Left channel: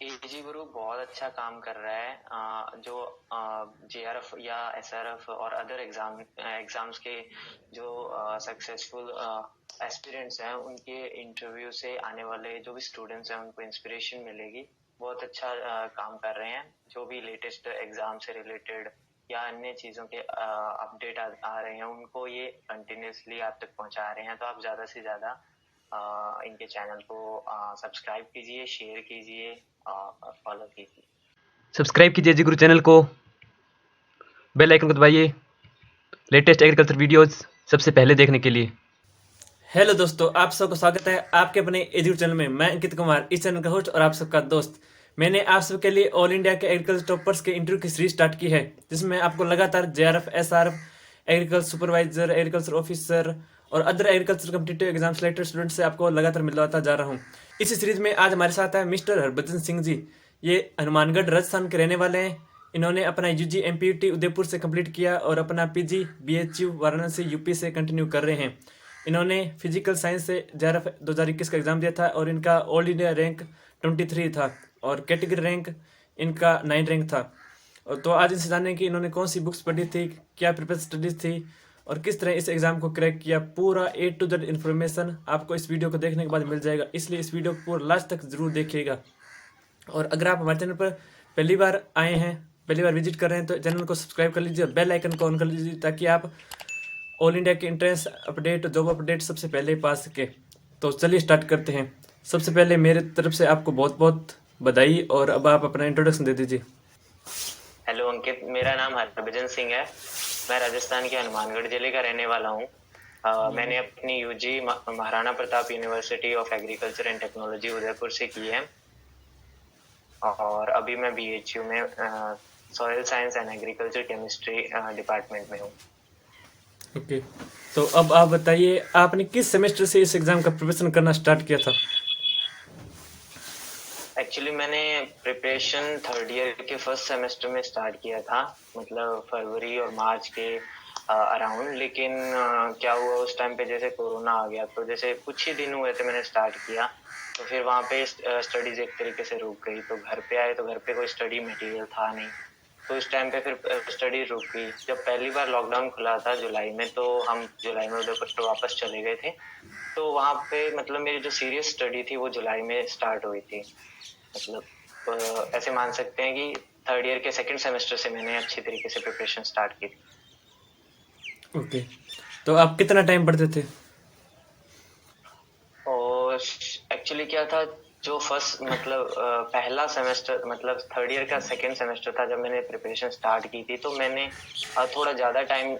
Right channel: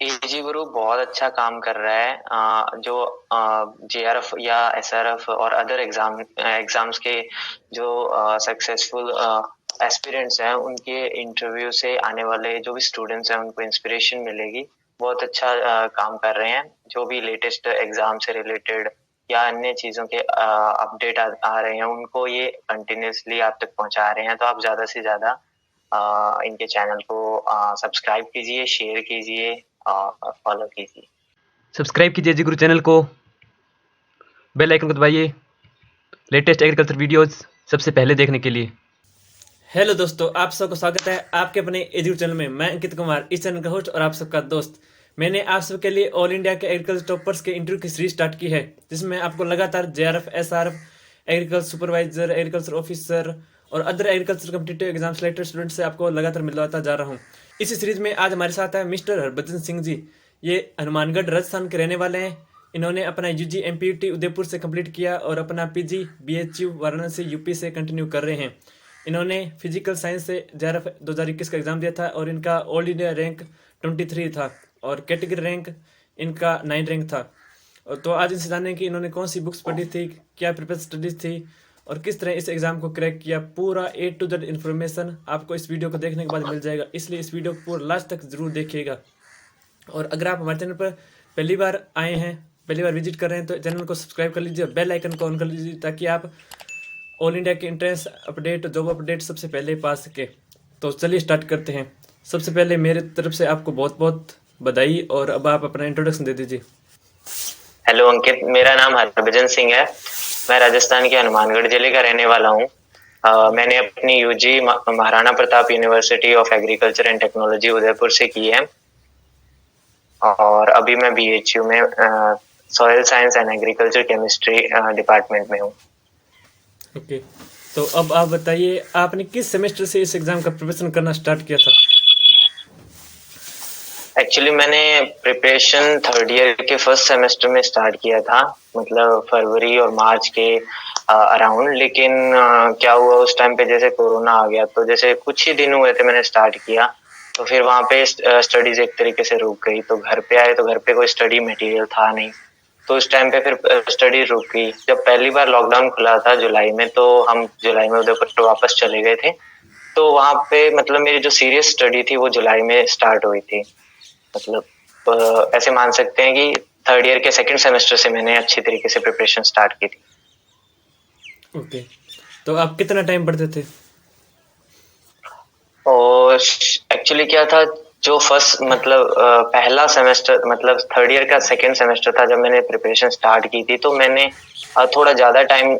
AG group बहुत अच्छा काम कर रहा है। जो जेआरएफ या एसआरएफ और अदर एग्जाम्स के जो सक्सेसफुल एस्पिरेंट्स हैं, उनके इंटरव्यू से आने वाले जो भी स्टूडेंट्स हैं उनको इंस्पिरेशन मिलेगी। बहुत अच्छा काम कर रहे हैं। जो भी लेटेस्ट एग्जाम से रिलेटेड या अन्य चीज़ों के अपडेट आ रहे हैं, उनको ये कंटिन्यूसली आप तक पहुंचा रहे हैं। तो आप ज़्यादा से ज़्यादा इनके चैनल को सब्सक्राइब कीजिए, शेयर कीजिए और फॉलो कीजिए। सब्सक्राइब कीजिए जी गुरु चैनल को, बेल आइकन को दबाइए लेटेस्ट एग्रीकल्चर वीडियोस सबसे पहले देखने के लिए। हेलो दोस्तों, आप सबका स्वागत है आपके अपने एजुकेशन चैनल में। मैं अंकित कुमार, इस चैनल का होस्ट और आप सबका दोस्त। मैंने आप सबके लिए ऑल इंडिया के एग्रीकल्चर टॉपर्स के इंटरव्यू की सीरीज स्टार्ट की है, जिसमें आपको लगातार JRF, SRF, agriculture supervisor, agriculture officer और other agriculture competitive exam selected student से आपको लगातार मिलवाता जा रहा हूँ। इसी सीरीज में आज हमारे साथ है मिस्टर हरभजन सिंह जी। ये हनुमानगढ़ राजस्थान के रहने वाले हैं। इन्होंने अपना यूजी एमपीयूटी उदयपुर से कंप्लीट किया और अपना पीजी बीएचयू वाराणसी यूपी से कंटिन्यू कर रहे हैं। इन्होंने फिजिकल साइंस से जेआरएफ 2021 का एग्ज़ाम दिया था और इनका ऑल इंडिया रैंक 23 था और कैटेगरी रैंक इनका 9 रैंक था। और तो आज इनसे जानें कि इन्होंने कौन सी बुक्स पढ़ी थी, क्या प्रिपेयर स्टडीज थी और किस तरह इस एग्ज़ाम को क्रैक किया। पूरा ए टू जेड इन्फॉर्मेशन आपको इस वीडियो को देखने के बाद मिल जाएगा, इसलिए इस वीडियो को पूरा लास्ट तक ज़रूर देखिएगा। और अगर आप हमारे चैनल पर पहली बार आए हैं, पहली बार विजिट कर रहे हैं, तो चैनल को सब्सक्राइब कर लीजिए, बेल आइकन को ऑन कर लीजिए, ताकि आप ऑल इंडिया के एंट्रेंस अपडेट, जॉब अपडेट सबसे पहले पा सके। तो चलिए स्टार्ट करते हैं। सबसे पहले मेरे तरफ से आपको बहुत बहुत बधाई, और अब आप अपना इंट्रोडक्शन दे दीजिए। हेलो अंकित, मेरा नाम हरभजन सिंह है। मैं राजस्थान के हनुमानगढ़ जिले का रहने वाला हूँ। मैंने अपनी UG Maharana Pratap university of agriculture and technology Udaipur से की है और अभी मैं बीएचयू में soil science and agriculture chemistry department में हूँ। ओके, तो अब आप बताइए, आपने किस सेमेस्टर से इस एग्ज़ाम का प्रिपरेशन करना स्टार्ट किया था? एक्चुअली मैंने प्रिपरेशन थर्ड ईयर के फर्स्ट सेमेस्टर में स्टार्ट किया था, मतलब फरवरी और मार्च के अराउंड। लेकिन क्या हुआ उस टाइम पे, जैसे कोरोना आ गया, तो जैसे कुछ ही दिन हुए थे मैंने स्टार्ट किया, तो फिर वहाँ पे स्टडीज एक तरीके से रुक गई। तो घर पे आए तो घर पे कोई स्टडी मटेरियल था नहीं, तो उस टाइम पे फिर स्टडी रुक गई। जब पहली बार लॉकडाउन खुला था जुलाई में, तो हम जुलाई में उदयपुर वापस चले गए थे। तो वहाँ पे मतलब मेरी जो सीरियस स्टडी थी वो जुलाई में स्टार्ट हुई थी। मतलब ऐसे मान सकते हैं कि थर्ड ईयर के सेकंड सेमेस्टर से मैंने अच्छी तरीके से प्रिपरेशन स्टार्ट की थी। ओके, तो आप कितना टाइम पढ़ते थे? और एक्चुअली क्या था, जो फर्स्ट मतलब पहला सेमेस्टर, मतलब थर्ड ईयर का सेकंड सेमेस्टर था, जब मैंने प्रिपरेशन स्टार्ट की थी, तो मैंने थोड़ा ज्यादा टाइम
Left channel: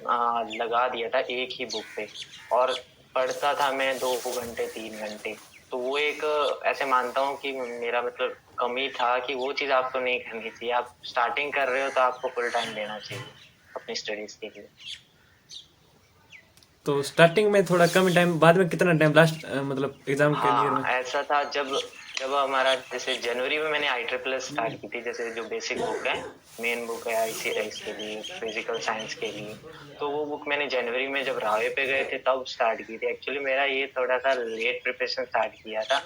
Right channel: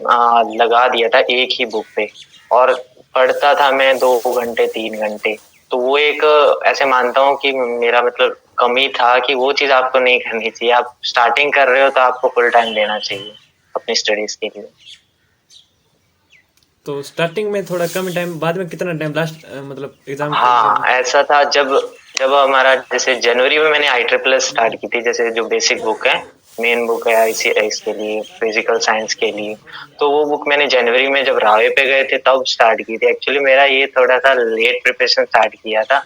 लगा दिया था एक ही बुक पे, और पढ़ता था मैं 2 घंटे 3 घंटे। तो वो एक ऐसे मानता हूँ कि मेरा मतलब कमी था कि वो चीज आपको नहीं करनी चाहिए। आप स्टार्टिंग कर रहे हो तो आपको फुल टाइम देना चाहिए अपनी स्टडीज के लिए। तो स्टार्टिंग में थोड़ा कम टाइम, बाद में कितना टाइम लास्ट मतलब एग्ज़ाम के लिए में? ऐसा था, जब जब हमारा जैसे जनवरी में मैंने IEEE स्टार्ट की थी, जैसे जो बेसिक बुक है, मेन बुक है ICS के लिए, फिजिकल साइंस के लिए। तो वो बुक मैंने जनवरी में जब रावे पे गए थे तब स्टार्ट की थी। एक्चुअली मेरा ये थोड़ा सा लेट प्रिपरेशन स्टार्ट किया था,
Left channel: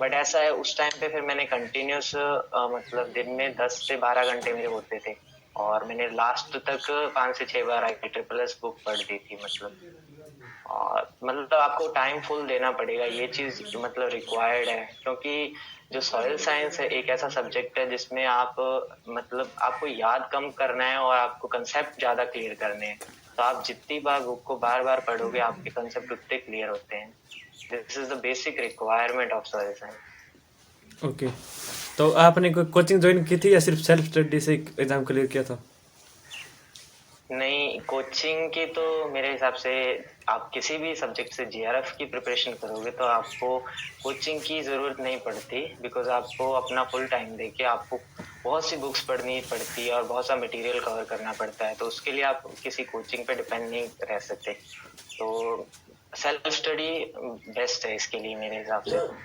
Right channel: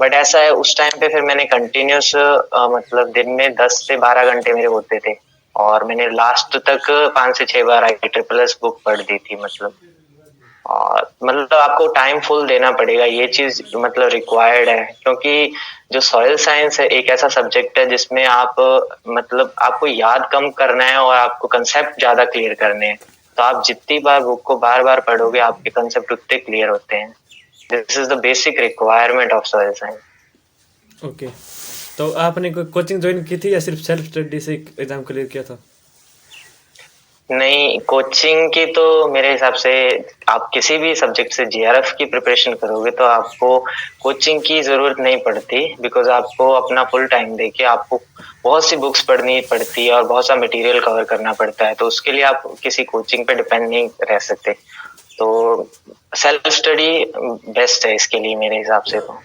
बट ऐसा है उस टाइम पे फिर मैंने कंटिन्यूस मतलब दिन में 10 से 12 घंटे मेरे होते थे, और मैंने लास्ट तक 5 से 6 बार IEEE बुक पढ़ दी थी। और मतलब आपको टाइम फुल देना पड़ेगा, ये चीज मतलब रिक्वायर्ड है, क्योंकि जो सॉइल साइंस है एक ऐसा सब्जेक्ट है जिसमें आप मतलब आपको याद कम करना है और आपको कंसेप्ट ज्यादा क्लियर करने हैं। तो आप जितनी बार बुक को बार बार पढ़ोगे, आपके कंसेप्ट उतने क्लियर होते हैं। This is the basic requirement of soil science. Okay, तो आपने कोई कोचिंग ज्वाइन की थी या सिर्फ सेल्फ स्टडी से एग्ज़ाम क्लियर किया था? नहीं, कोचिंग की तो मेरे हिसाब से आप किसी भी सब्जेक्ट से जीआरएफ की प्रिपरेशन करोगे तो आपको कोचिंग की जरूरत नहीं पड़ती, बिकॉज आपको अपना फुल टाइम देके आपको बहुत सी बुक्स पढ़नी पड़ती है और बहुत सा मटेरियल कवर करना पड़ता है। तो उसके लिए आप किसी कोचिंग पे डिपेंड नहीं रह सकते। तो सेल्फ स्टडी बेस्ट है इसके लिए मेरे हिसाब से तो।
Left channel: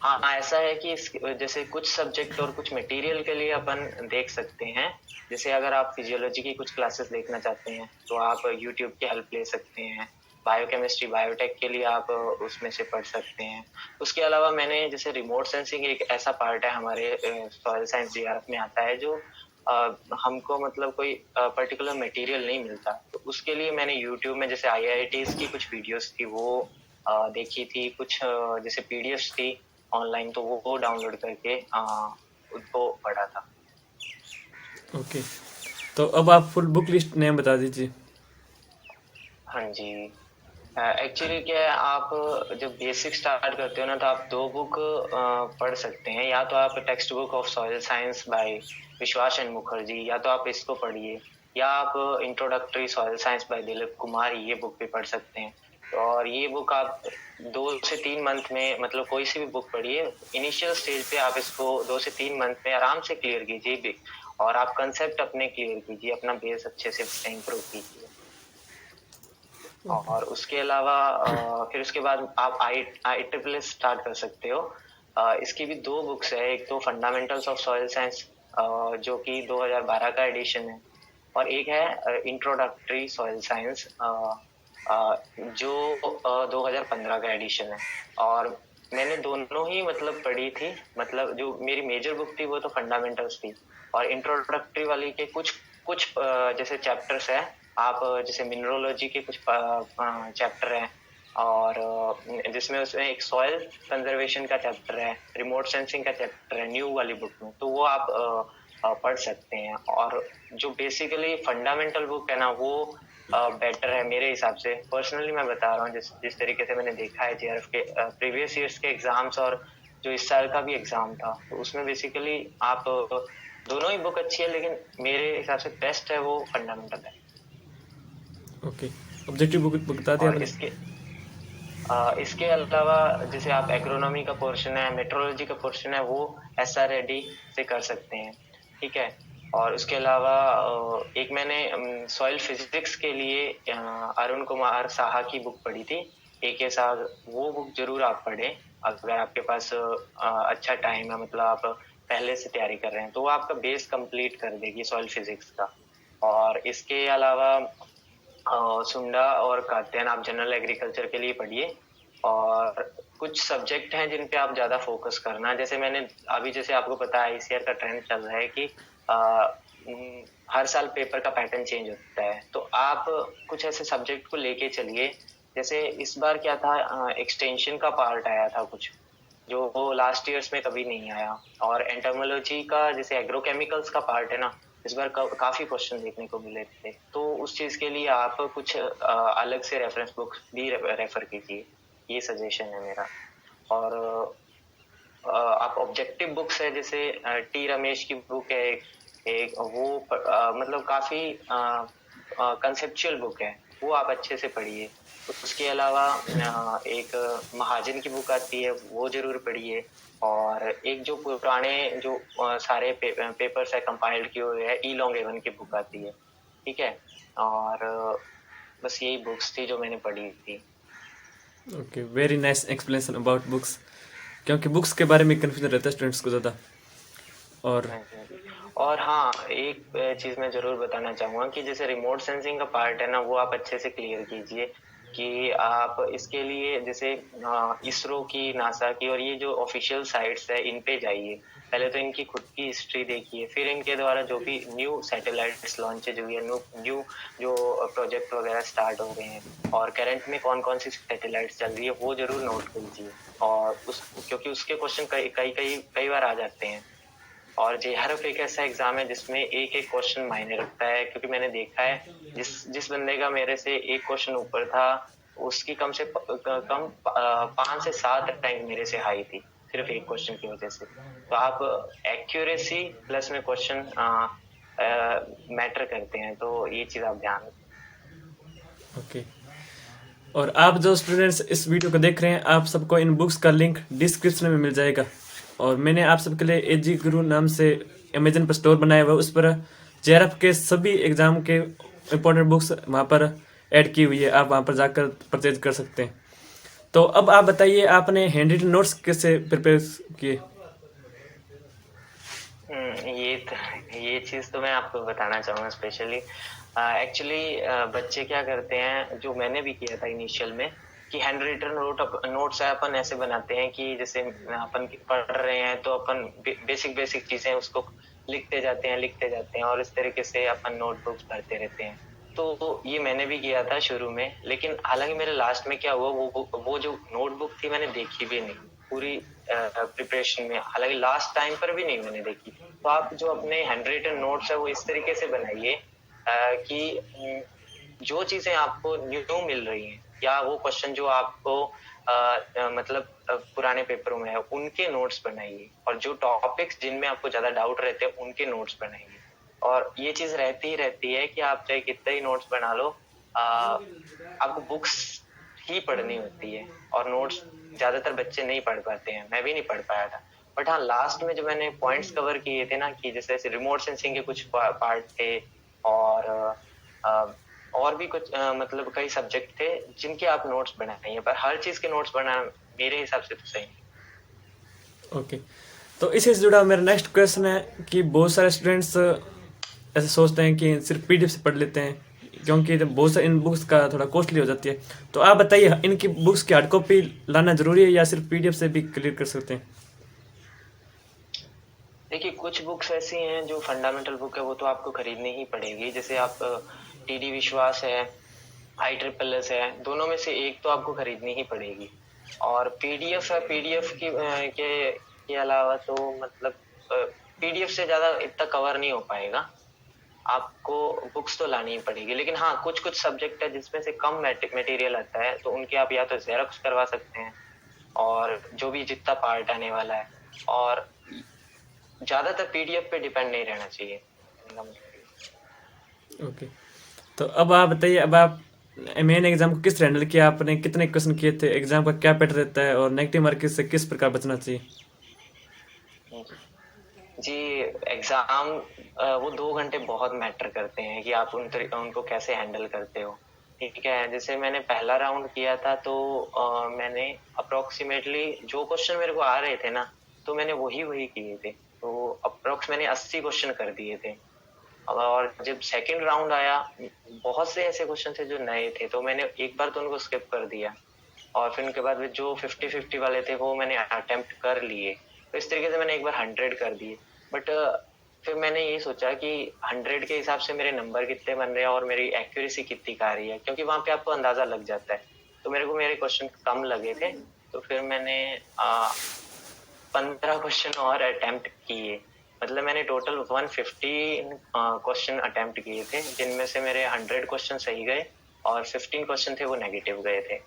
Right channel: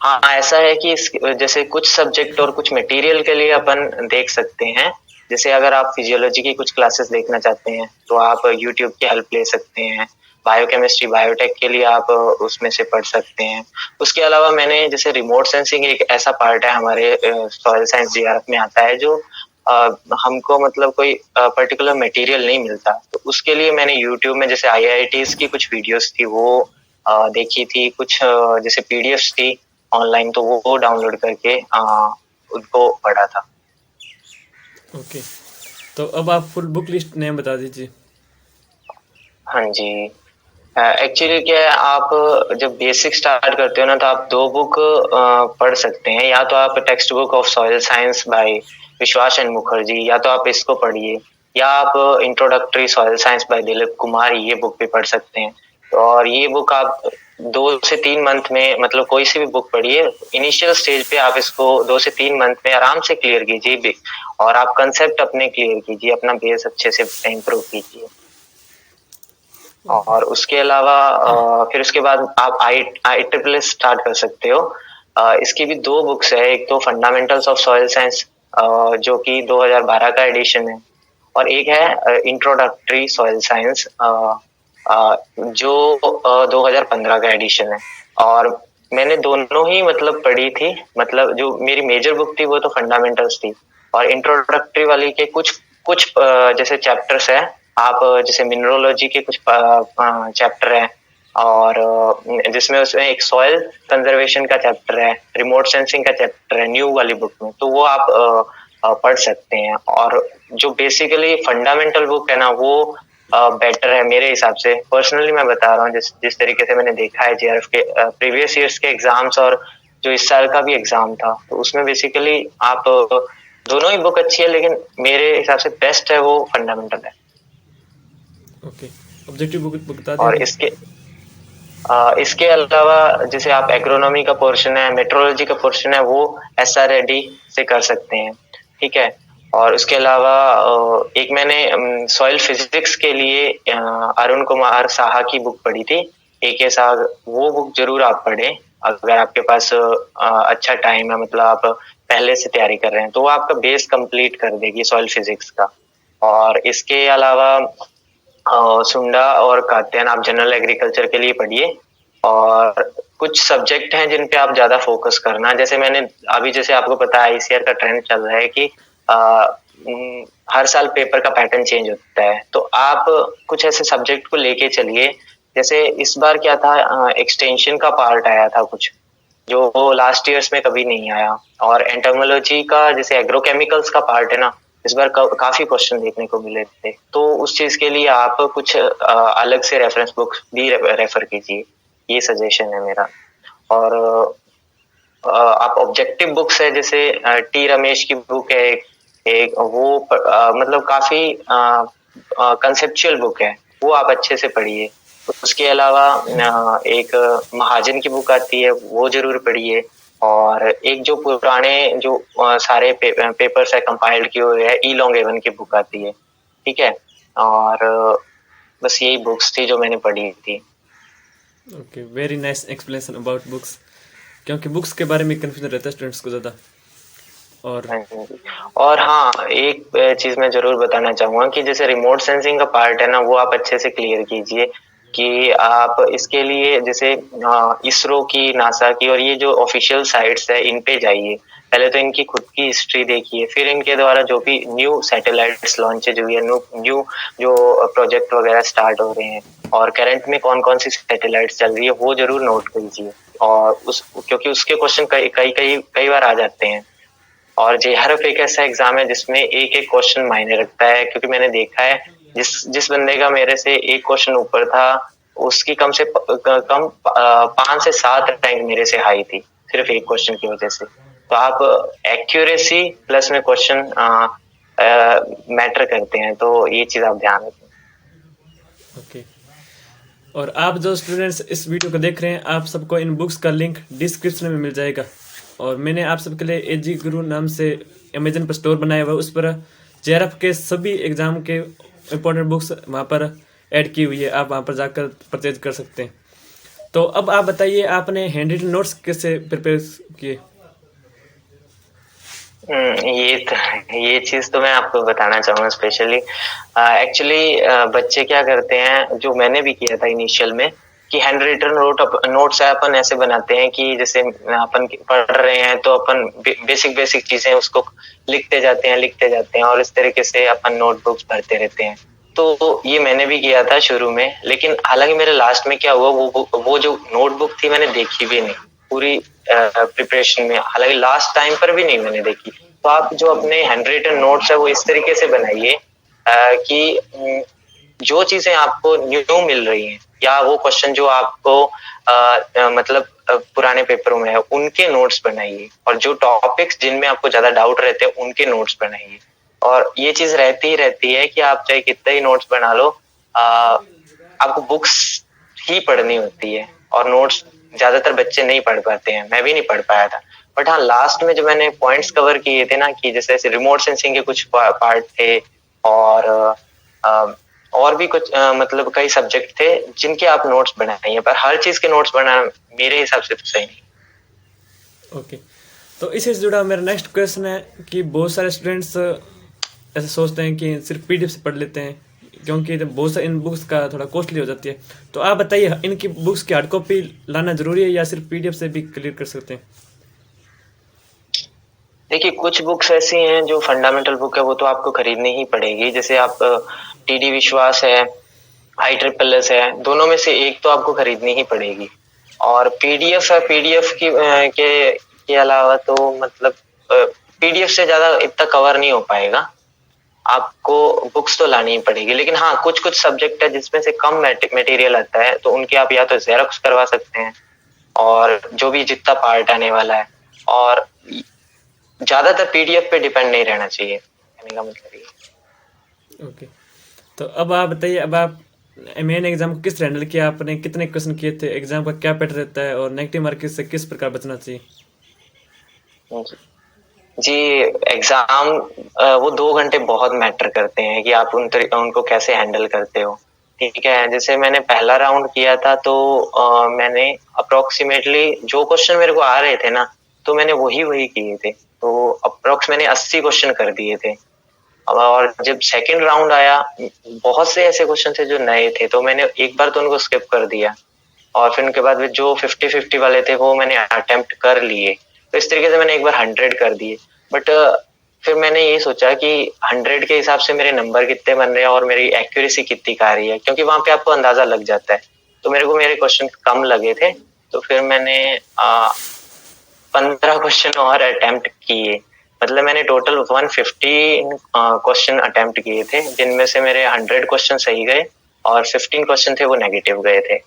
हाँ, ऐसा है कि जैसे कुछ सब्जेक्ट और कुछ मटेरियल के लिए अपन देख सकते हैं। जैसे अगर आप फिजियोलॉजी की कुछ क्लासेस देखना चाहते हैं तो आप यूट्यूब की हेल्प ले सकते हैं। बायोकेमिस्ट्री बायोटेक के लिए आप उसमें से पढ़ सकते हैं। उसके अलावा मैंने जैसे रिमोट सेंसिंग एक ऐसा पार्ट है हमारे सॉइल साइंस जीआरएफ में आता है जो हमको मतलब कोई पर्टिकुलर मटेरियल नहीं मिलता, तो उसके लिए मैंने यूट्यूब में जैसे आईआईटीज की कुछ वीडियोस थी वो देखी थी, कुछ जैसे पीडीएफ्स थी ऑनलाइन, तो वो डाउनलोड करके उनको पढ़ा था। ओके, तो अब आप फुल बुक लिस्ट नेम बता दीजिए। हाँ जी, एक्चुअली क्या है, आप जब बेसिक स्टार्ट करते हो ना तो आप दो बुक पढ़ सकते हैं, या तो आप text book of soil science by विश्वास एन मुखर्जी, या तो आप इसको पढ़िए, या आप introductory soil science by Dilip Kumar, ये बुक भी पढ़ सकते हैं। और ये बुक आप 2 से 3 मंथ में मतलब कोई सी भी बुक पढ़िए, इनिशियल स्टेज पे आप इसको 2 से 3 मंथ में आराम से क्लियर कीजिए भी, और आप कंसेप्ट अपने क्लियर कीजिए, अपना बेस अच्छे से इम्प्रूव कीजिए। और उसके अलावा फिर उसके बाद आप आई ट्रिपल एस स्टार्ट कर सकते हो। इसकी भी 2 बुक्स है, एक तो फंडामेंटल्स ऑफ सॉइल साइंस जो कि 2012 का एडिशन है, और एक है इंट्रोडक्टरी सॉइल साइंस जो 2015 का एडिशन है। और मैंने दोनों ही मतलब पढ़ी थी, मतलब जो मेरी मेजर बुक थी वो तो फंडामेंटल्स थी, और इंट्रोडक्टरी वाली के कुछ कुछ जैसे चैप्टर्स है, आप जैसे मिनरोलॉजी के कुछ चैप्टर है, और जिसमें उसमें एक सॉइल कंजर्वेशन का चैप्टर है, रिमोट सेंसिंग का चैप्टर है न्यू वाली बुक में, तो वो आप पढ़ सकते हैं। और जो बेसिकली फंडामेंटल बुक है ना वो बेटर है मेरे हिसाब से, पर्सनली मैं बता रहा हूँ, जिस जिस तरीके से मैंने देखा है जेआरएफ के प्रीवियस ईयर्स के एग्जाम्स और जो इस साल का भी एग्जाम था, तो उसमें बेसिकली आप दोनों ही बुक अच्छी है, लेकिन मेरे हिसाब से बेस्ट है वो फंडामेंटल है। ओके, ऑब्जेक्टिव बुक बता दिया और आपने। इसके अलावा जैसे आप एग्रोनॉमी का पोर्शन है, मेट्रोलॉजी का पोर्शन है, वो SR रेड्डी से कर सकते हैं, ठीक है। और उसके अलावा एक मैंने सॉइल फिजिक्स के लिए अरुण कुमार साहा की बुक पढ़ी थी, AK साग, वो बुक जरूर आप पढ़ें अगर आपके पास अच्छा टाइम है, मतलब आप पहले से तैयारी कर रहे हैं, तो वो आपका बेस कंप्लीट कर देगी सॉइल फिजिक्स का। और इसके अलावा सुंडा और कात्यायन आप जनरल एग्रीकल्चर के लिए पढ़िए, और कुछ सब्जेक्ट हैं जिन पे आप ज्यादा फोकस करना, जैसे मैंने अभी जैसे आपको पता है ICAR का ट्रेंड चल रहा है कि हर साल पेपर का पैटर्न चेंज होता है, तो आप कुछ ऐसे सब्जेक्ट को लेके चलिए। जैसे इस बार क्या था, एक्सटेंशन का पार्ट आया था कुछ जो लास्ट ईयर्स में कभी नहीं आया, और एंटोमोलॉजी का जैसे एग्रोकेमिकल्स का पार्ट है ना, इस बार काफी क्वेश्चन देखने को मिले थे, तो उस चीज के लिए आप कुछ अलग से रेफरेंस बुक्स भी रेफर कीजिए, ये सजेशन है मेरा। और आप ऑब्जेक्टिव बुक्स है जैसे टी रमेश की बुक है एक वो मतलब काफी कंसेप्चुअल बुक है, वो आप अच्छे से पढ़िए। उसके अलावा एक महाजन की बुक आती है, वो जरूर पढ़िए। और एक जो पुराने जो सारे पेपर्स है कंपाइल्ड किए हुए हैं, ई लॉन्ग एवन की बुक आती है, ठीक है। और बस यही बुक्स थी जो मैंने पढ़ी थी। Okay, very nice explanation about books, क्योंकि बुक्स के बारे में कंफ्यूजन रहता है स्टूडेंट्स को ज़्यादा। और हाँ जी। और हाँ, एक चीज मैं जरूर बताना चाहूंगा कि जैसे रिमोट सेंसिंग का पार्ट है ना, वो आप अच्छे से क्लियर कीजिए कि आप इसके लिए जैसे इसरो की, नासा की, और ये जो ऑफिशियल साइट्स है इन पे जाइए, पहले तो इनकी खुद की हिस्ट्री देखिए, फिर इनके द्वारा जो भी न्यू सैटेलाइट्स लॉन्चेज हुई है, न्यू जो प्रोजेक्ट वगैरह स्टार्ट हो रहे हैं, और करंट में कौन कौन सी सैटेलाइट्स चल रही है, वो जरूर नोट कीजिए। और क्योंकि उसके क्वेश्चन कई बार आ जाते हैं। और जेआरएफ एक ऐसा एग्जाम है जिसमें एक एक क्वेश्चन मायने रखता है, क्योंकि मैंने देखा है जिस जिस बंदे का मेरे से एक क्वेश्चन ऊपर था, उसकी कम 5 से 7 रैंक मेरे से हाई थी, सिर्फ एक क्वेश्चन की वजह से। तो आप एक्यूरेसी प्लस में क्वेश्चन मैटर करते हैं, तो ये चीज आप ध्यान रखें। ओके, और आप जो स्टूडेंट्स इस वीडियो को देख रहे हैं, आप सबको इन बुक्स का लिंक डिस्क्रिप्शन में मिल जाएगा। और मैंने आप सबके लिए एजी गुरु नाम से अमेजन पर स्टोर बनाया हुआ है, उस पर जेआरएफ के सभी एग्जाम के इम्पोर्टेंट बुक्स वहाँ पर ऐड की हुई है, आप वहाँ पर जाकर परचेज कर सकते हैं। तो अब आप बताइए, आपने हैंड रिटन नोट्स कैसे प्रिपेयर किए? ये चीज़ तो मैं आपको बताना चाहूँगा स्पेशली। एक्चुअली बच्चे क्या करते हैं, जो मैंने भी किया था इनिशियल में, कि हैंड रिटन नोट्स अपन ऐसे बनाते हैं कि जैसे अपन पढ़ रहे हैं तो अपन बेसिक चीज़ें उसको लिखते जाते हैं और इस तरीके से अपन नोटबुक्स भरते रहते हैं। तो ये मैंने भी किया था शुरू में, लेकिन हालाँकि मेरे लास्ट में क्या हुआ, वो जो नोटबुक थी मैंने देखी भी नहीं, पूरी प्रिपरेशन में, हालाँकि लास्ट टाइम पर भी नहीं मैंने देखी। तो आप जो अपने हैंड रिटन नोट्स है वो इस तरीके से बनाइए कि जो चीजें आपको न्यू मिल रही हैं या वो क्वेश्चन जो आपको मतलब पुराने पेपरों में है उनके नोट्स बनाइए, और जो टॉपिक्स जिनमें आपको ज्यादा डाउट रहते हैं उनके नोट्स बनाइए। और ये चीज रहती ही रहती है कि आप चाहे कितने ही नोट्स बना लो, आपको बुक्स ही पढ़नी होती है और नोट्स ज्यादातर बच्चे नहीं पढ़ पाते हैं, मैं भी नहीं पढ़ पाया था। बट हाँ, लास्ट में जो मैंने पॉइंट्स कवर किए थे ना, कि जैसे रिमोट सेंसिंग के कुछ पार्ट थे और अ, और भी कुछ मतलब कई सब्जेक्ट थे जिनके आप नोट्स बनाइए, पर हर चीज के नोट्स बनाना मेरे हिसाब से तो सही नहीं। ओके, तो इसी से जुड़ा मेरा नेक्स्ट क्वेश्चन है कि बहुत सारे स्टूडेंट्स ऐसे सोचते हैं कि सिर्फ पीडीएफ से पढ़ लेते हैं, क्योंकि बहुत सारे इन बुक्स का थोड़ा कॉस्टली हो जाती है। तो आप बताइए, इनकी बुक्स की हार्ड कॉपी लाना जरूरी है या सिर्फ पीडीएफ से भी क्लियर कर सकते हैं? देखिए, कुछ बुक्स ऐसी हैं जो फंडामेंटल बुक है, वो तो आपको खरीदनी ही पड़ेगी। जैसे आप टीडी विश्वास है, IEEE है, दोनों में से एक तो आपको खरीदनी ही पड़ेगी। और पीडीएफ है, पीडीएफ की के अलावा तो मतलब पीडीएफ से ज्यादा इतना कवर नहीं हो पाएगा, आपको बुक्स तो लानी ही पड़ेगी। लेकिन हाँ, कुछ कुछ सब्जेक्ट है जिसमें से कम मटेरियल आता है, तो उनके आप या तो जेरोक्स करवा सकते हैं, और जो भी जितना पार्ट आने वाला है, और ज्यादातर पीडीएफ पे डिपेंड नहीं रहना चाहिए, कहने का मतलब ये। ओके, तो अब आप बताइए, अब आप मेन एग्जाम को किस तरह हैंडल किया आपने, कितने क्वेश्चन किए थे, एग्जाम का क्या पैटर्न रहता है और नेगेटिव मार्किंग से किस प्रकार बचना चाहिए? जी जी, एग्जाम वो 2 घंटे बहुत मैटर करते हैं कि आप उनको कैसे हैंडल करते हो। ठीक है, जैसे मैंने पहला राउंड किया था तो मैंने अप्रोक्सीमेटली जो क्वेश्चन मेरे को आ रहे थे ना, तो मैंने वही वही किए थे, तो अप्रोक्स मैंने 80 क्वेश्चन कर दिए थे। और जब सेकंड राउंड आया, बहुत से ऐसे क्वेश्चन थे जो नए थे, तो मैंने एक बार तो उनको स्किप कर दिया, और फिर उनके बाद जो 50-50 वाले थे वो मैंने अटेम्प्ट कर लिए। तो इस तरीके से मैंने एक बार 100 कर दिए। बट फिर मैंने ये सोचा कि 100 के हिसाब से मेरे नंबर कितने बन रहे हैं और मेरी एक्यूरेसी कितनी आ रही है, क्योंकि वहां पे आपको अंदाजा लग जाता है। तो मेरे को मेरे क्वेश्चन कम लगे थे, तो फिर मैंने 15 क्वेश्चन और अटेम्प्ट किए। मतलब मैंने टोटल 115 क्वेश्चन अटेम्प्ट किए थे, जिनमें से मेरे 100 क्वेश्चन सही गए और 15 क्वेश्चन थे वो नेगेटिव गए थे।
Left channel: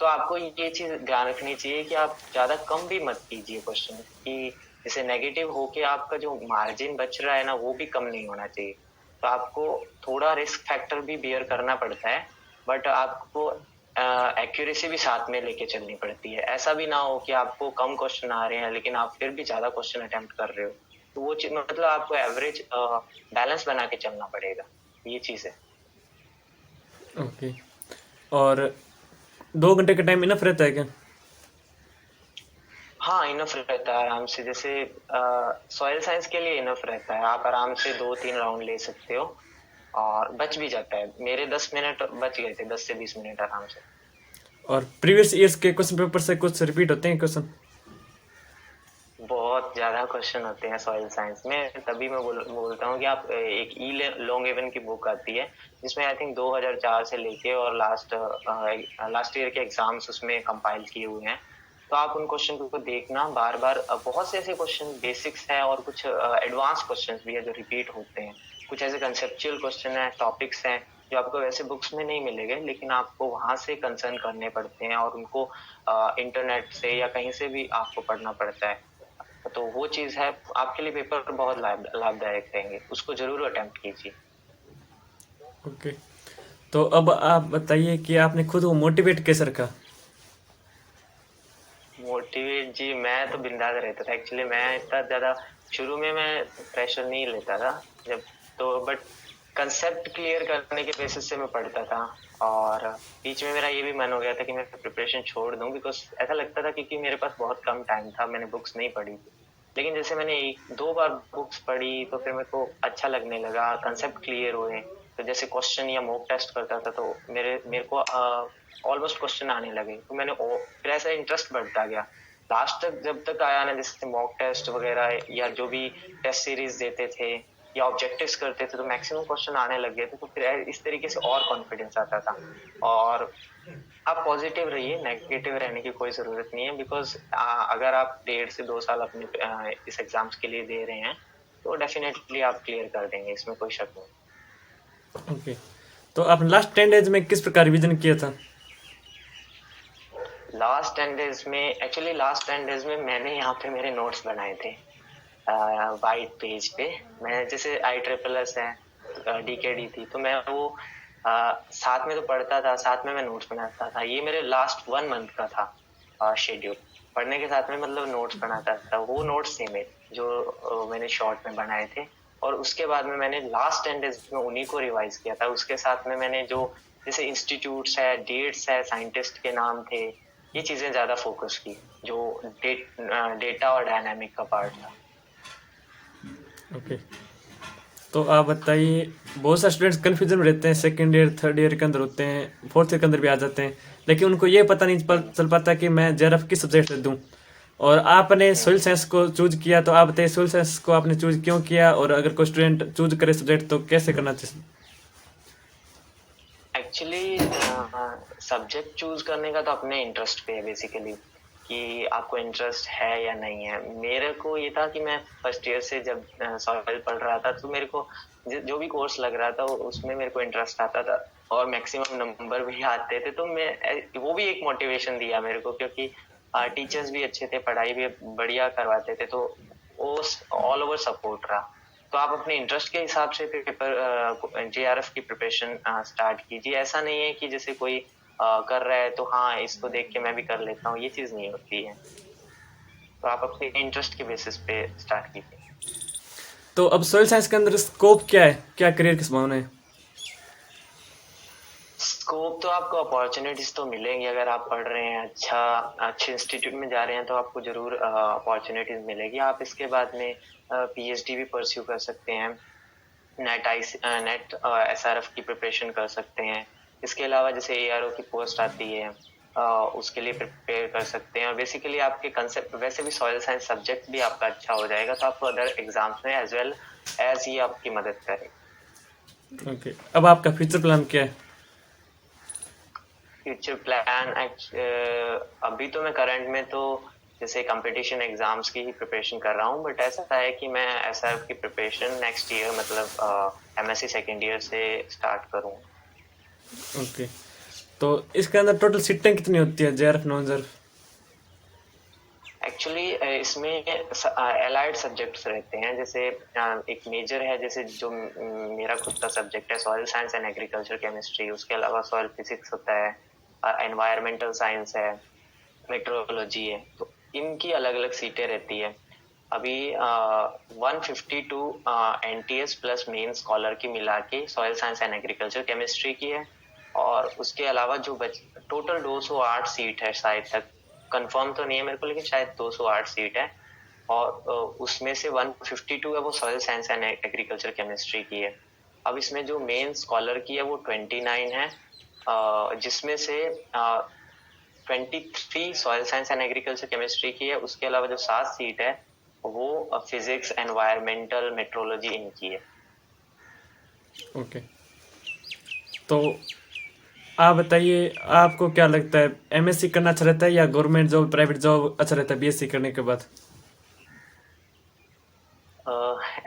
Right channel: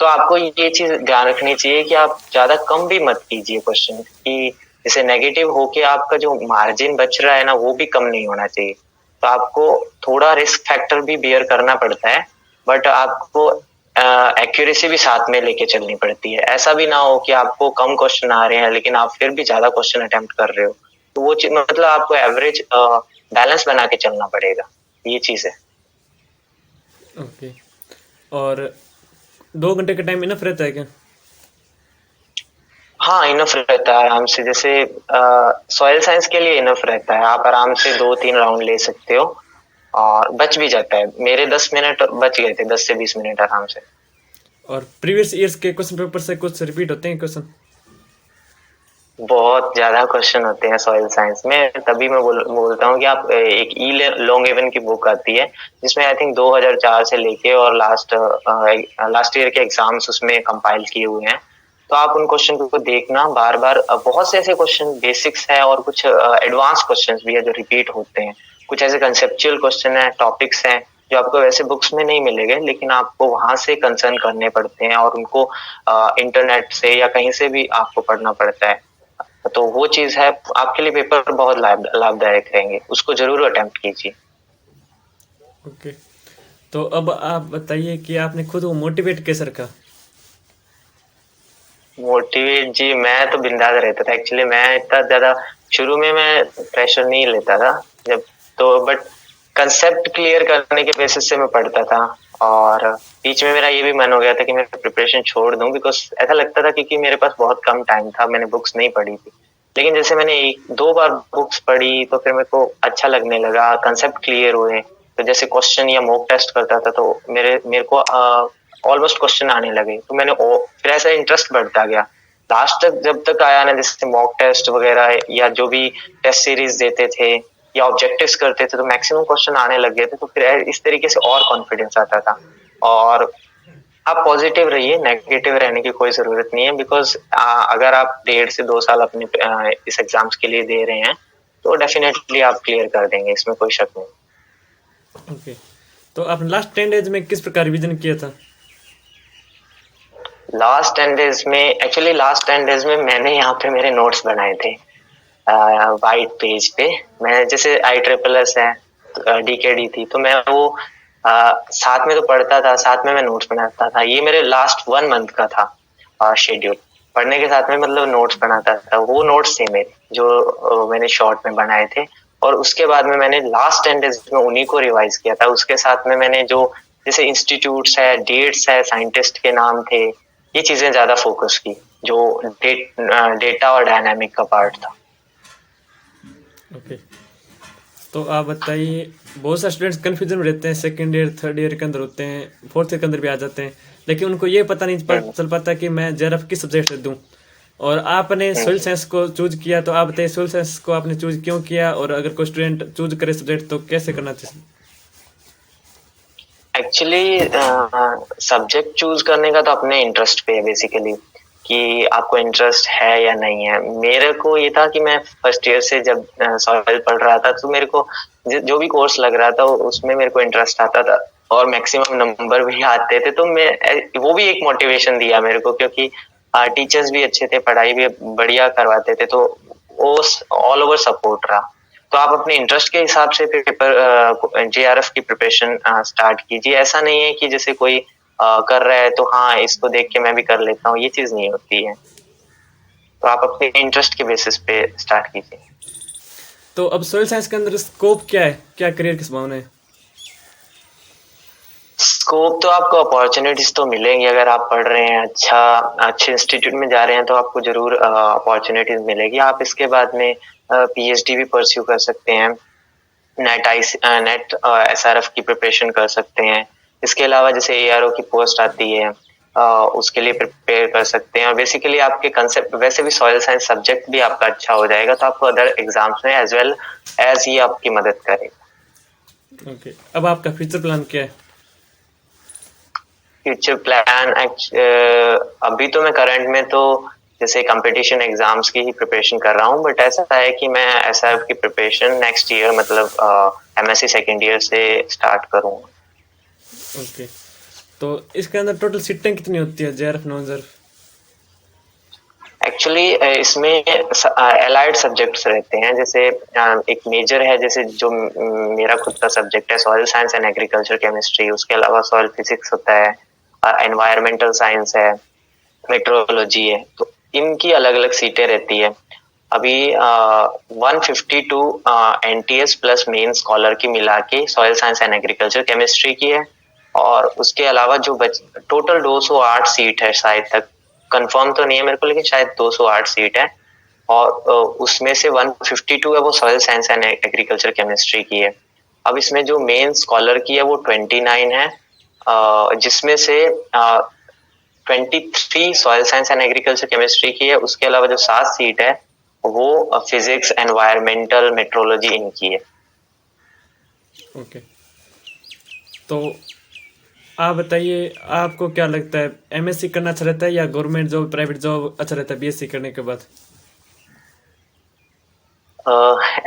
तो आपको ये चीज ध्यान रखनी चाहिए कि आप ज्यादा कम भी मत कीजिए क्वेश्चन, कि जैसे नेगेटिव होके आपका जो मार्जिन बच रहा है ना, वो भी कम नहीं होना चाहिए। तो आपको थोड़ा रिस्क फैक्टर भी बियर करना पड़ता है, बट आपको एक्यूरेसी भी साथ में लेके चलनी पड़ती है। ऐसा भी ना हो कि आपको कम क्वेश्चन आ रहे हैं लेकिन आप फिर भी ज्यादा क्वेश्चन अटेम्प्ट कर रहे हो, तो वो चीज मतलब आपको एवरेज बैलेंस बना के चलना पड़ेगा, ये चीज है। ओके, और 2 घंटे का टाइम इनफ रहता है क्या? हाँ, इनफ रहता है आराम से। जैसे सॉइल साइंस के लिए इनफ रहता है, आप आराम से 2-3 राउंड ले सकते हो और बच भी जाता है। मेरे 10 मिनट बच गए थे, 10 से 20 मिनट आराम से। और प्रीवियस ईयर्स के क्वेश्चन पेपर से कुछ रिपीट होते हैं क्वेश्चन? बहुत ज्यादा क्वेश्चन होते हैं सॉइल साइंस में, तभी मैं बोलता हूँ कि आप एक ई लॉन्ग एवन की बुक आती है, जिसमें आई थिंक 2004 से लेके और लास्ट ईयर के एग्जाम्स उसमें कंपाइल किए हुए हैं। तो आप उन क्वेश्चन को देखना बार बार। बहुत से ऐसे क्वेश्चन बेसिक्स हैं और कुछ एडवांस क्वेश्चंस भी है जो रिपीट होते हैं। कुछ ऐसे कंसेप्चुअल क्वेश्चन है, टॉपिक्स हैं जो आपको वैसे बुक्स में नहीं मिलेंगे, लेकिन आपको वहां से कंसर्न करने पड़ते हैं और उनको इंटरनेट से या कहीं से भी आपको पढ़ना पड़ता है। तो वो चीज है, आपके लिए पेपर बहुत लाभदायक रहेंगे, उसको जरूर अटेम्प्ट कीजिए। ओके, तो अब आप बताइए कि आपने खुद को मोटिवेट कैसे रखा? मोटिवेट जी, मैं तो बिंदास रहता था। एक्चुअली मैं इतना ज्यादा शुरू में मैं प्रेशर नहीं लेता था जब, तो बट कंसेप्ट क्लियर करने के बेसिस से मैं पढ़ता था। और बीच में मेरा ये भी मन हो गया था कि मैं प्रिपरेशन छोड़ दूं, बिकॉज ऐसा लगता था क्योंकि मेरे पास बहुत कम टाइम था, मैंने बुक्स नहीं पढ़ी थी। लेकिन जैसे मैंने 1-2 बार बुक्स पढ़ी तो फिर मेरे को अच्छा लगने लगा, कंसेप्ट क्लियर हुए। तो जैसे क्वेश्चन या मॉक टेस्ट करता था तो मेरे को ऑलमोस्ट क्वेश्चन आने लगे, तो फिर ऐसा इंटरेस्ट बढ़ता गया। लास्ट तक जब तक आया ना, जैसे मॉक टेस्ट वगैरह या जो भी टेस्ट सीरीज देते थे या ऑब्जेक्टिव्स करते थे, तो मैक्सिमम क्वेश्चन आने लग गए थे, तो फिर इस तरीके से और कॉन्फिडेंस आता था। और आप पॉजिटिव रहिए, नेगेटिव रहने की कोई जरूरत नहीं है, बिकॉज अगर आप 1.5 से 2 साल अपने इस एग्जाम्स के लिए दे रहे हैं तो डेफिनेटली आप क्लियर कर देंगे, इसमें कोई शक नहीं। ओके, तो आपने लास्ट 10 डेज में किस प्रकार रिवीजन किया था? लास्ट 10 डेज में, एक्चुअली लास्ट 10 डेज में मैंने यहाँ पे मेरे नोट्स बनाए थे वाइट पेज पे। मैं जैसे ISSS है, DKD थी, तो मैं वो साथ में तो पढ़ता था, साथ में मैं नोट्स बनाता था। ये मेरे लास्ट 1 मंथ का था शेड्यूल, पढ़ने के साथ में मतलब नोट्स बनाता था। वो नोट्स थे मेरे जो मैंने शॉर्ट में बनाए थे, और उसके बाद में मैंने लास्ट 10 डेज में उन्हीं को रिवाइज किया था। उसके साथ में मैंने जो जैसे इंस्टीट्यूट्स है, डेट्स है, साइंटिस्ट के नाम थे, ये चीजें ज्यादा फोकस की, जो डेटा और डायनामिक का पार्ट था। ओके, तो आप बताइए, बहुत सारे स्टूडेंट्स कन्फ्यूजन में रहते हैं, सेकेंड ईयर थर्ड ईयर के अंदर होते हैं, फोर्थ ईयर के अंदर भी आ जाते हैं, लेकिन उनको ये पता नहीं चल पाता कि मैं JRF किस सब्जेक्ट से दूं। और आपने सोइल साइंस को चूज किया, तो आप बताइए सोइल साइंस को आपने चूज क्यों किया, और अगर कोई स्टूडेंट चूज करे सब्जेक्ट तो कैसे करना चाहिए? एक्चुअली सब्जेक्ट चूज करने का तो अपने इंटरेस्ट पे है बेसिकली, कि आपको इंटरेस्ट है या नहीं है। मेरे को ये था कि मैं फर्स्ट ईयर से जब सॉइल पढ़ रहा था, तो मेरे को जो भी कोर्स लग रहा था उसमें मेरे को इंटरेस्ट आता था और मैक्सिमम नंबर भी आते थे, तो मैं वो भी एक मोटिवेशन दिया मेरे को, क्योंकि टीचर्स भी अच्छे थे, पढ़ाई भी बढ़िया करवाते थे, तो वो ऑल ओवर सपोर्ट रहा। तो आप अपने इंटरेस्ट के हिसाब से पेपर JRF की प्रिपरेशन स्टार्ट कीजिए। ऐसा नहीं है कि जैसे कोई कर रहा है तो हाँ इसको देख के मैं भी कर लेता हूँ, ये चीज नहीं होती है। तो आप अपने इंटरेस्ट के बेसिस पे स्टार्ट कीजिए। तो अब सोइल साइंस के अंदर स्कोप क्या है, क्या करियर की संभावना है? स्कोप तो आपको अपॉर्चुनिटीज तो मिलेंगी, अगर आप पढ़ रहे हैं, अच्छे इंस्टीट्यूट में जा रहे हैं, तो आपको जरूर अपॉर्चुनिटीज मिलेगी। आप इसके बाद में PhD भी परस्यू कर सकते हैं, नेट SRF की प्रिपरेशन कर सकते हैं। इसके अलावा जैसे ARO की पोस्ट आती है, उसके लिए प्रिपेयर कर सकते हैं। और बेसिकली आपके कंसेप्ट, वैसे भी सॉइल साइंस सब्जेक्ट भी आपका अच्छा हो जाएगा, तो आपको अदर एग्जाम्स में एज वेल एज ये आपकी मदद करेगा। ओके, अब आपका फ्यूचर प्लान क्या है? फ्यूचर प्लान अभी तो मैं करंट में तो जैसे कंपटीशन एग्जाम्स की ही प्रिपरेशन कर रहा हूँ, बट ऐसा है कि मैं SRF की प्रिपरेशन नेक्स्ट ईयर मतलब MSc सेकेंड ईयर से स्टार्ट करूँगा। ओके, तो इसके अंदर टोटल सीटें कितनी होती है, JRF नॉन JRF? एक्चुअली इसमें एलाइड सब्जेक्ट्स रहते हैं, जैसे एक मेजर है, जैसे जो मेरा खुद का सब्जेक्ट है, soil science and agriculture chemistry. उसके अलावा सॉइल फिजिक्स होता है, एनवायरमेंटल साइंस है, मेट्रोलॉजी है। तो इनकी अलग अलग सीटें रहती है। अभी 152 NTS प्लस मेन स्कॉलर की मिला के soil science and agriculture chemistry की है। और उसके अलावा जो टोटल 208 सीट है, शायद तक कंफर्म तो नहीं है मेरे को, लेकिन शायद 208 सीट है। और उसमें से 152 है वो soil science and agriculture chemistry की है। अब इसमें जो मेन स्कॉलर की है वो 29 है, जिसमें से 23 soil science and agriculture chemistry की है। उसके अलावा जो 7 सीट है वो फिजिक्स, एनवायरमेंटल, मेट्रोलॉजी इनकी है। ओके, तो आप बताइए, आपको क्या लगता है, MSc करना अच्छा रहता है या गवर्नमेंट जॉब, प्राइवेट जॉब अच्छा रहता है BSc करने के बाद?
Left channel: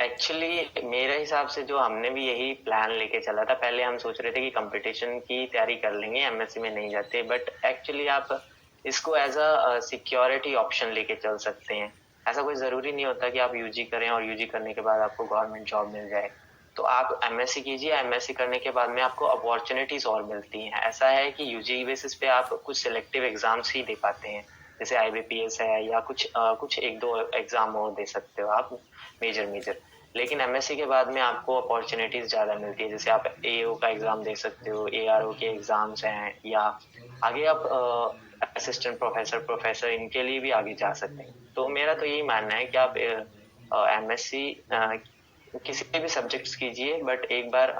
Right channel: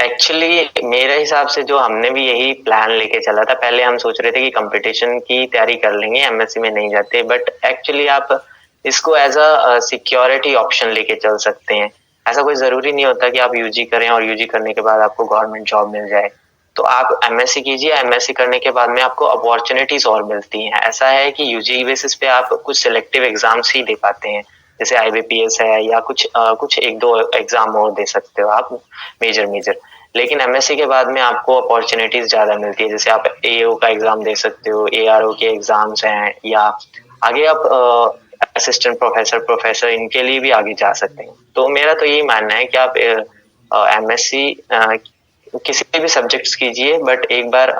एक्चुअली मेरे हिसाब से जो हमने भी यही प्लान लेके चला था, पहले हम सोच रहे थे कि कंपटीशन की तैयारी कर लेंगे, MSc में नहीं जाते, बट एक्चुअली आप इसको एज अ सिक्योरिटी ऑप्शन लेके चल सकते हैं। ऐसा कोई जरूरी नहीं होता कि आप UG करें और UG करने के बाद आपको गवर्नमेंट जॉब मिल जाए। तो आप MSc कीजिए, MSc करने के बाद में आपको अपॉर्चुनिटीज और मिलती हैं। ऐसा है कि UG बेसिस पे आप कुछ सिलेक्टिव एग्जाम्स ही दे पाते हैं, जैसे IBPS है, या कुछ 1-2 एग्जाम और दे सकते हो आप, मेजर। लेकिन MSc के बाद में आपको अपॉर्चुनिटीज ज्यादा मिलती है, जैसे आप AO का एग्जाम दे सकते हो, ARO के एग्जाम्स हैं, या आगे आप असिस्टेंट प्रोफेसर इनके लिए भी आगे जा सकते हैं। तो मेरा तो यही मानना है कि आप एमएससी किसी भी सब्जेक्ट्स कीजिए, बट एक बार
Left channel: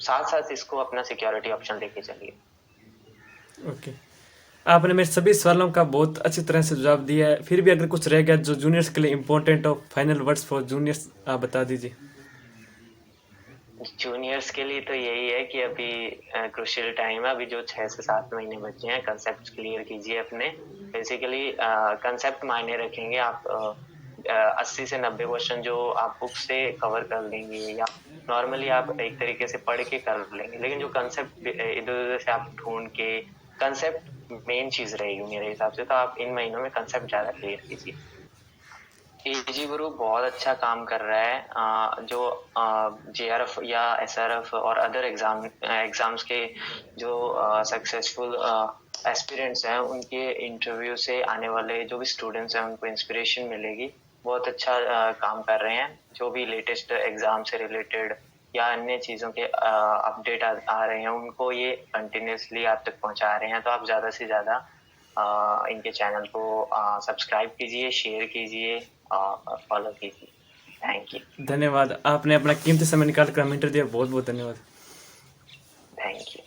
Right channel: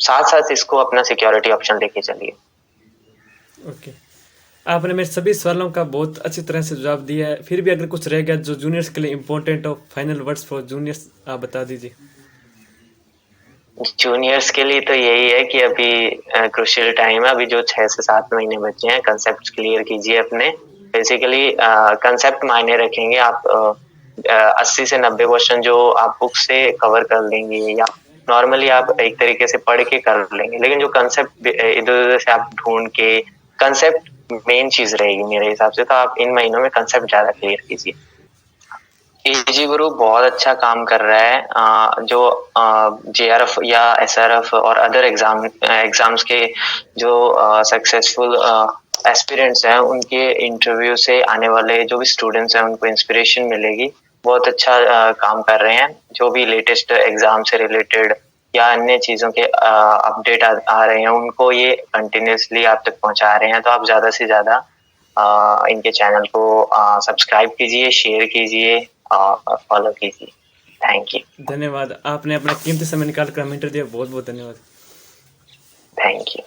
साथ साथ इसको अपना सिक्योरिटी ऑप्शन लेके चलिए। ओके, आपने मेरे सभी सवालों का बहुत अच्छी तरह से जवाब दिया है। फिर भी अगर कुछ रह गया जो जूनियर्स के लिए इम्पोर्टेंट हो, फाइनल वर्ड्स फॉर जूनियर्स आप बता दीजिए। जूनियर्स के लिए तो यही है कि अभी क्रूशियल टाइम है, अभी जो 6 से 7 महीने बचे हैं, कंसेप्ट क्लियर कीजिए अपने। बेसिकली कंसेप्ट मायने रखेंगे, आप 80 से 90% जो आप बुक से कवर कर लेंगे या नॉर्मली आप एक तरीके से पढ़ के कर लेंगे, लेकिन जो कंसेप्ट इधर उधर से आप ढूंढ के, कंसेप्ट मेन चीज रहेगी मेरे हिसाब से। तो आप इन महीनों में कंसेप्ट ज्यादा क्लियर कीजिए। एजी ग्रुप बहुत अच्छा काम कर रहा है। जो जेआरएफ या एसआरएफ और अदर एग्जाम्स के जो सक्सेसफुल एस्पिरेंट्स हैं, उनके इंटरव्यू से आने वाले जो भी स्टूडेंट्स हैं उनको इंस्पिरेशन मिलेगी। बहुत अच्छा काम कर रहे हैं। जो भी लेटेस्ट एग्जाम से रिलेटेड या अन्य चीजों के अपडेट आ रहे हैं, उनको ये कंटिन्यूसली आप तक पहुंचा रहे हैं। तो आप ज्यादा से ज्यादा इनके चैनल को सब्सक्राइब कीजिए, शेयर कीजिए, फॉलो कीजिए। Thank you. धन्यवाद, आपने अपना कीमती समय निकाल कर हमें इंटरव्यू दिया, बहुत बहुत धन्यवाद। Thank you.